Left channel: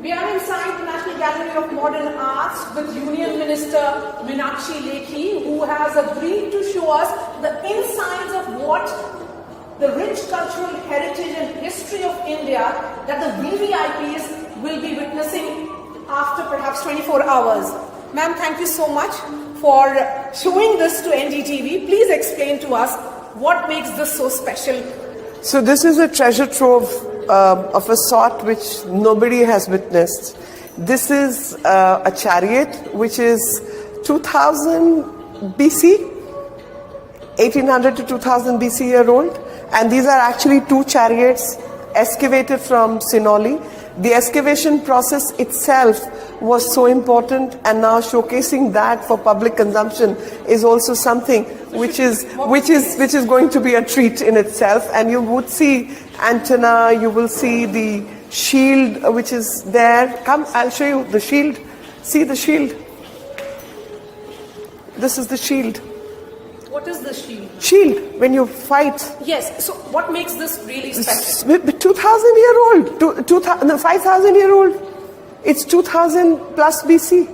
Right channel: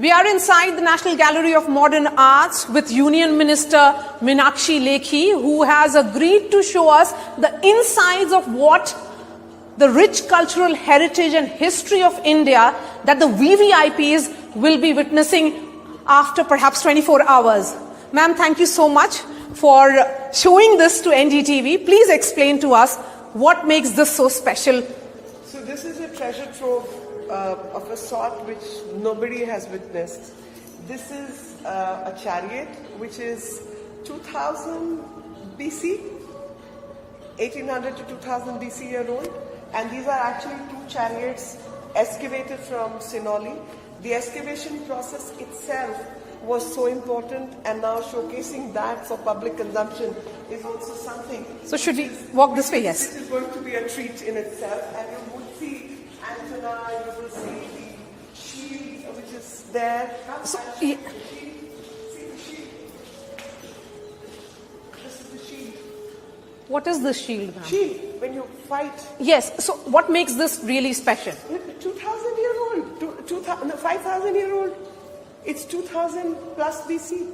We are inside the National Gallery of Modern Arts with Union Minister Meenakshi Lekhi, who has agreed to show us the insides of what the rich cultural heritage and history of India that the VVIPs will be witnessing after perhaps 24 hours. Ma'am, thank you so much for showing this to NDTV. Please explain to us what makes this so special. So this is a treasure trove of a sort which nobody has witnessed. This is a chariot which is 2000 BC, 1800 to 2000 BC year old, and these are actually two chariots excavated from Sinoli. The excavation process itself was so important, and now showcasing that for public consumption is also something which is going to be a treat in itself. And you would see antenna, you will see the shield which is there. Come, I'll show you the shield. See the shield. This is the shield. What is the shield? Shield, when you fight. Yes, so what makes this really special? 2,000 year old, 5,000 year old. It's 2000 plus BC.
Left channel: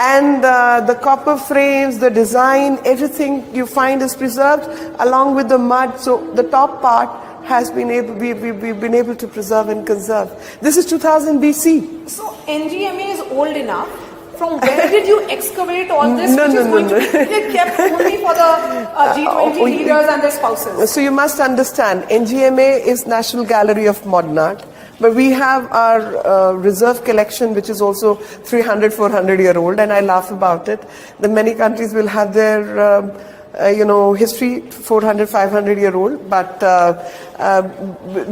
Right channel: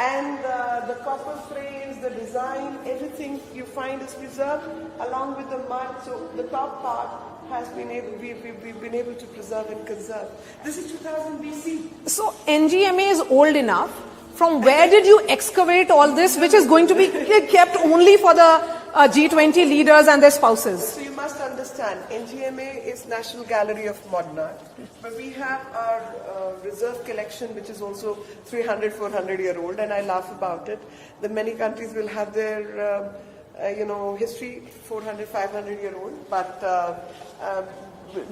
And the copper frames, the design, everything you find is preserved along with the mud. So the top part has been able, we've been able to preserve and conserve. This is 2000 BC. So NGMA is old enough. From where did you excavate all this, which is going to be kept only for the G20 leaders and their spouses? So you must understand, NGMA is National Gallery of Modern Art, but we have our reserve collection, which is also 300, 400 year old, and I laugh about it. The many countries will have their history 400, 500 year old, but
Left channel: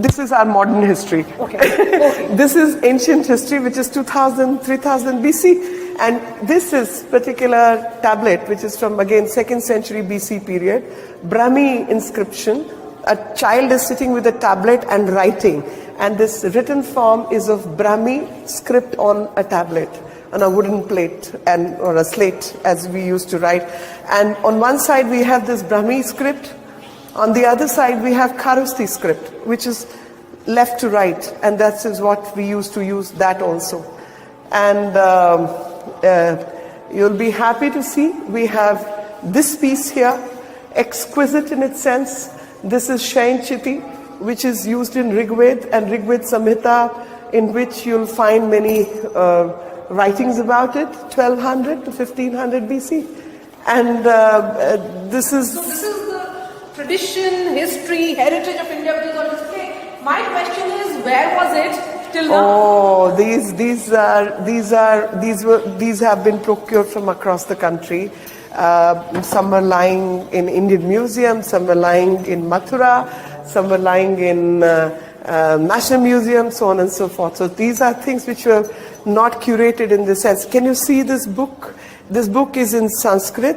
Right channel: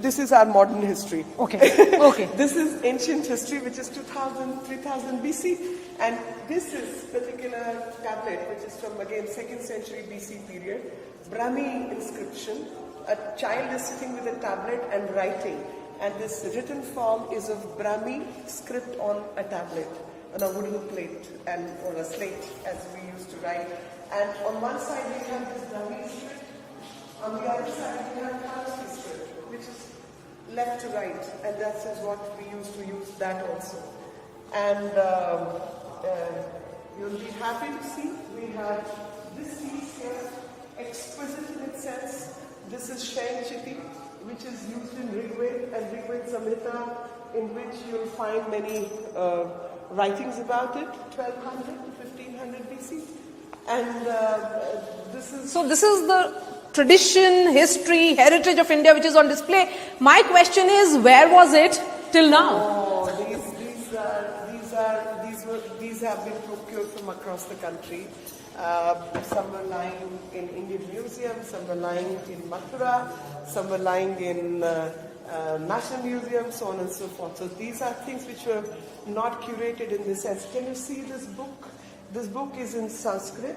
this is our modern history. Okay. Okay. This is ancient history, which is 2000, 3000 BC. And this is particular tablet, which is from, again, 2nd century BC period, Brahmi inscription. A child is sitting with a tablet and writing. And this written form is of Brahmi script on a tablet, on a wooden plate or a slate, as we used to write. And on one side we have this Brahmi script. On the other side we have Kharosthi script, which is left to right. And that is what we used to use that also. And you'll be happy to see we have this piece here, exquisite in its sense. This is Shain Chiti, which is used in Rigved and Rigved Samhita, in which you'll find many writings about it, 1200 to 1500 BC. And this is... So this is the tradition, history, heritage of India which is on display. My question is, where was it till now? Oh, these have been procured from across the country. Some are lying in Indian Museum, some are lying in Mathura, some are lying in National Museum, so on and so forth. So these are things which were not curated in this sense. Can you see this book? This book is in Sanskrit,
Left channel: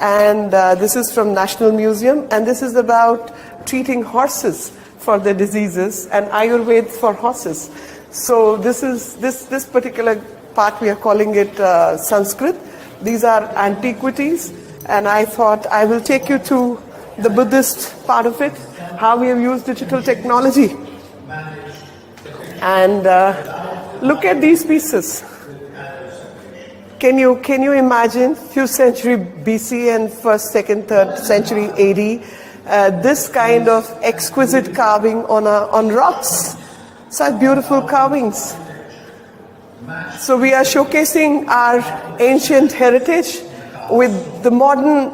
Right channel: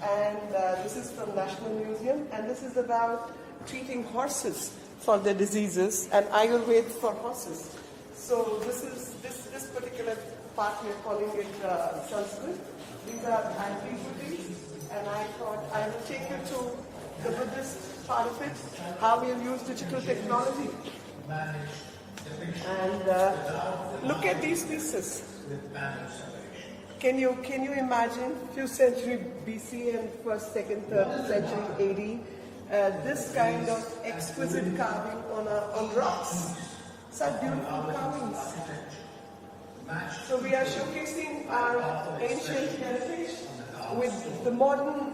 and this is from National Museum, and this is about treating horses for their diseases and Ayurveda for horses. So this is this particular part, we are calling it Sanskrit. These are antiquities, and I thought I will take you to the Buddhist part of it, how we have used digital technology. And look at these pieces. Can you imagine few century BC and 1st, 2nd, 3rd century AD, this kind of exquisite carving on rocks, such beautiful carvings. So we are showcasing our ancient heritage with the modern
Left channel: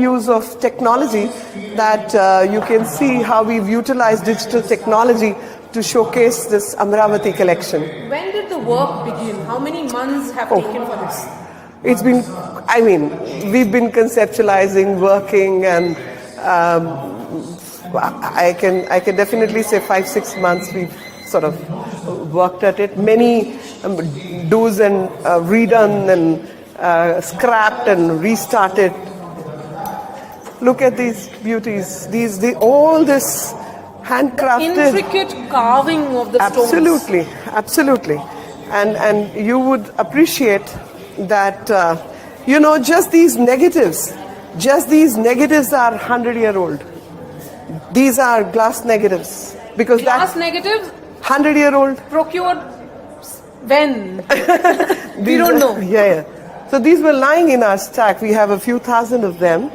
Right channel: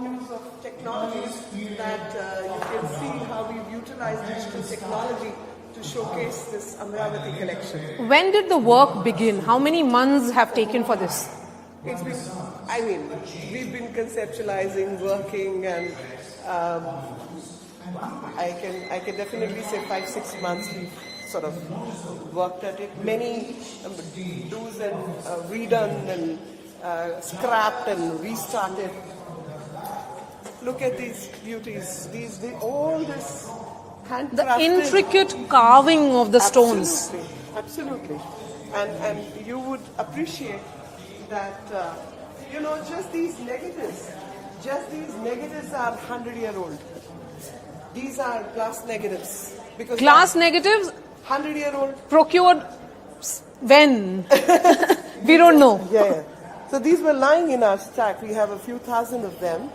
use of technology, that you can see how we've utilized digital technology to showcase this Amravati collection. When did the work begin? How many months have taken for this? It's been, we've been conceptualizing, working, and I can definitely say 5-6 months we've sort of worked at it. Many do's and redone and scrapped and restarted. Look at these beauties. All this handcrafted. Intricate carving of the stones. Absolutely, absolutely. And you would appreciate that, just these negatives are 100-year-old. These are glass negatives. Glass negatives 100-year-old. Procured when? We don't know. Yeah. So these were lying in our stack. We have a few thousand of them.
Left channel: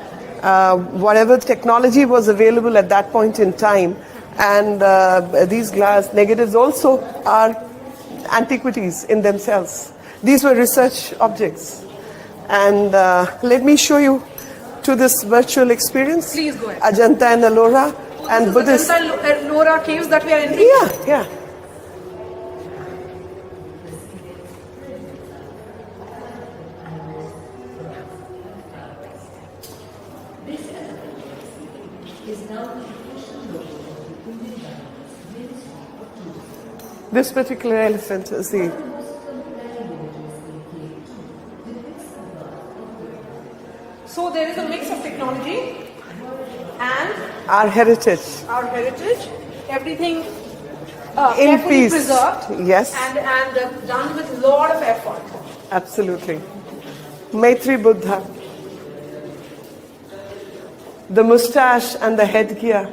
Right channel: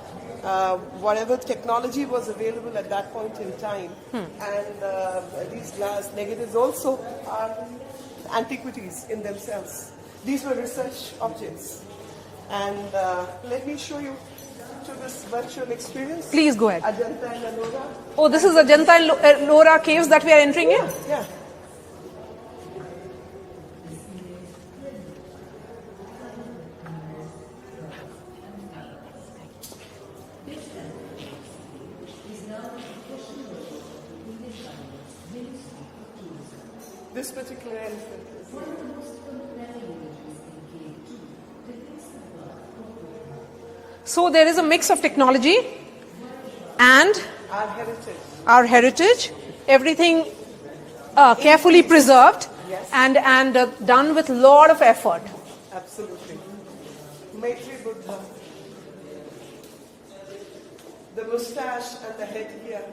Whatever technology was available at that point in time. And these glass negatives also are antiquities in themselves. These were research objects. And let me show you to this virtual experience. Please go ahead. Ajanta and Ellora. Oh, this is Ajanta and Ellora caves that we are entering? Yeah. This particular elephant is the... So there is a mix of technology and our heritage. Everything carefully peace. Preserved. Yes. And done with a lot of effort. Absolutely. Maitri Buddha. The mustache and the headgear.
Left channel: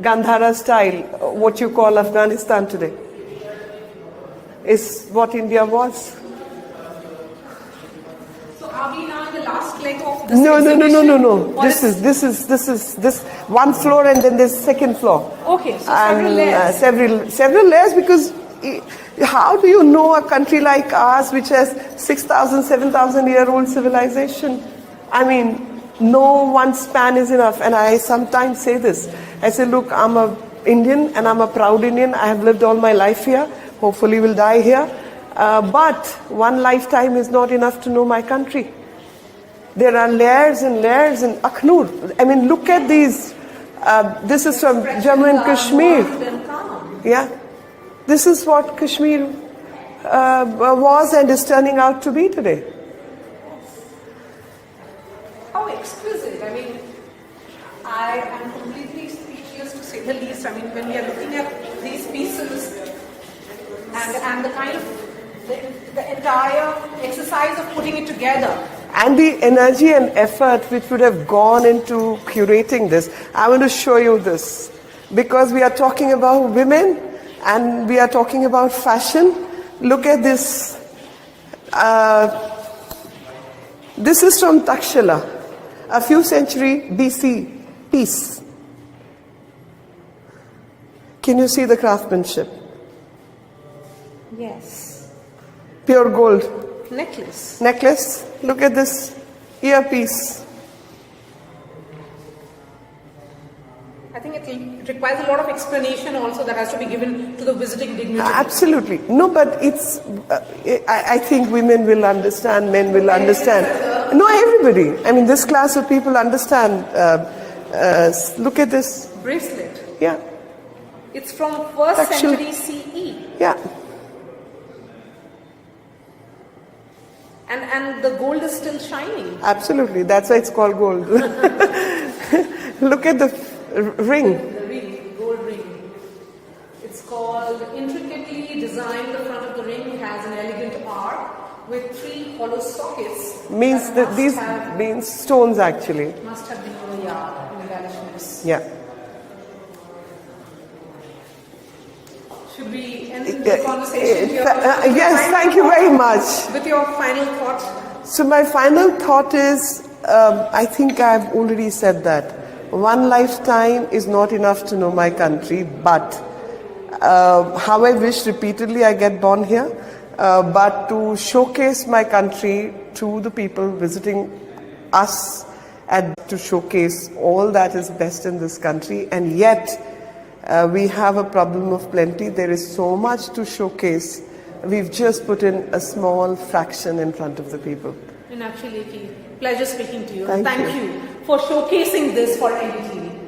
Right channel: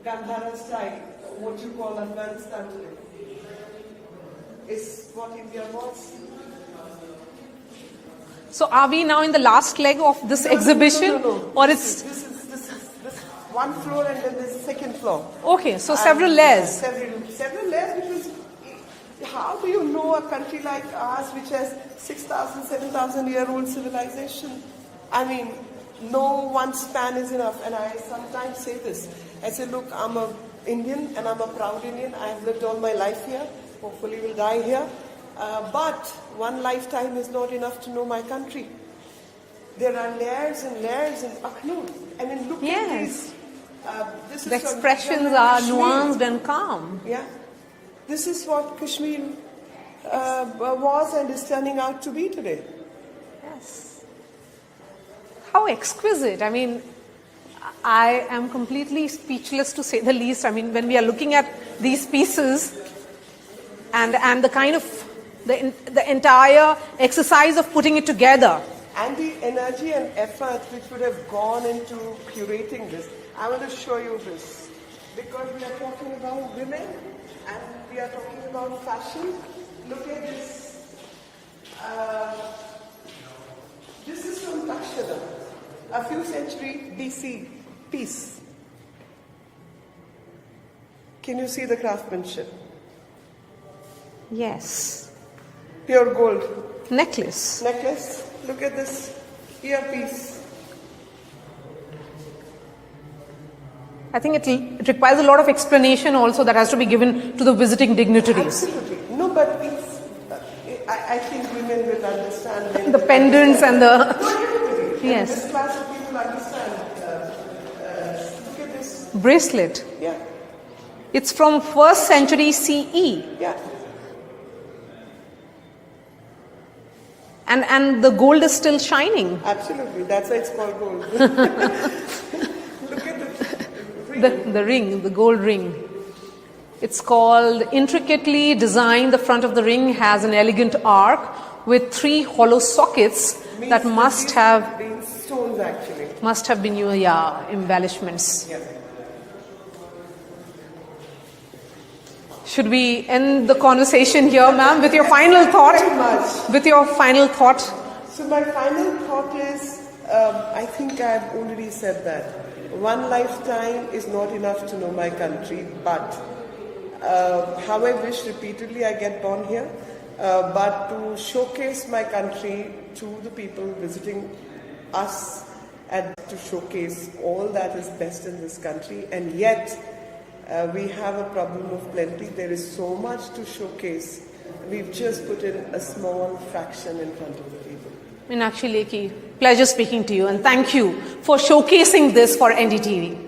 Gandhara style, what you call Afghanistan today, is what India was. So are we now in the last leg of this exhibition? No. Or This is one floor and then there's second floor. Okay, so several layers. Several layers, because how do you know a country like ours which has 6,000, 7,000-year-old civilization? I mean, no one span is enough. And I sometimes say this. I say, look, I'm an Indian and I'm a proud Indian. I have lived all my life here. Hopefully will die here. But one lifetime is not enough to know my country. There are layers and layers in Akhnur. I mean, look at these. This is from Jammu and Kashmir. And calm. Yeah. This is what Kashmir was and is turning out to be today. How exquisite. I mean, I am completely speechless, to say the least. I mean, when we are looking at these pieces and the kind of the entire exercise of putting it together. And the energy and effort which would have gone into curating this. I want to show you this. Because we are talking about women and we are talking about fashion. Look at this. This is from Takshila, a few century BC piece. Can you see the craftsmanship? Yes. Pure gold. Necklace. Look at this earpiece. I think it requires a lot of explanation also that has to be given to the visiting dignitaries. Absolutely. No, but it's, I think women will understand, men will pendants understand. And no, everybody. Yes. I mean, this class of people understand. Look at this. Bracelet. Yeah. It's from 1st century CE. Yeah. And the gold is still shining. Absolutely. That's why it's called gold. Look at the ring. The ring, the gold ring. It's called, intricately designed, the front of the ring has an elegant arc with 3 hollow sockets Means that must have been stones actually. Must have been your embellishments. Yeah. Should we end the conversation here, ma'am, with your yes, final thank thought? you very much. With your final thought. So my final thought is, I think I've already said that. One lifetime is not enough to know my country, but how I wish repeatedly I get born here, but to showcase my country to the people visiting us and to showcase all that is best in this country. And yet, we have a problem of plenty. There is so much to showcase. We've just put in a small fraction in front of the people. Meenakshi Lekhi, pleasure speaking to you, and thank you you for showcasing this for NDTV.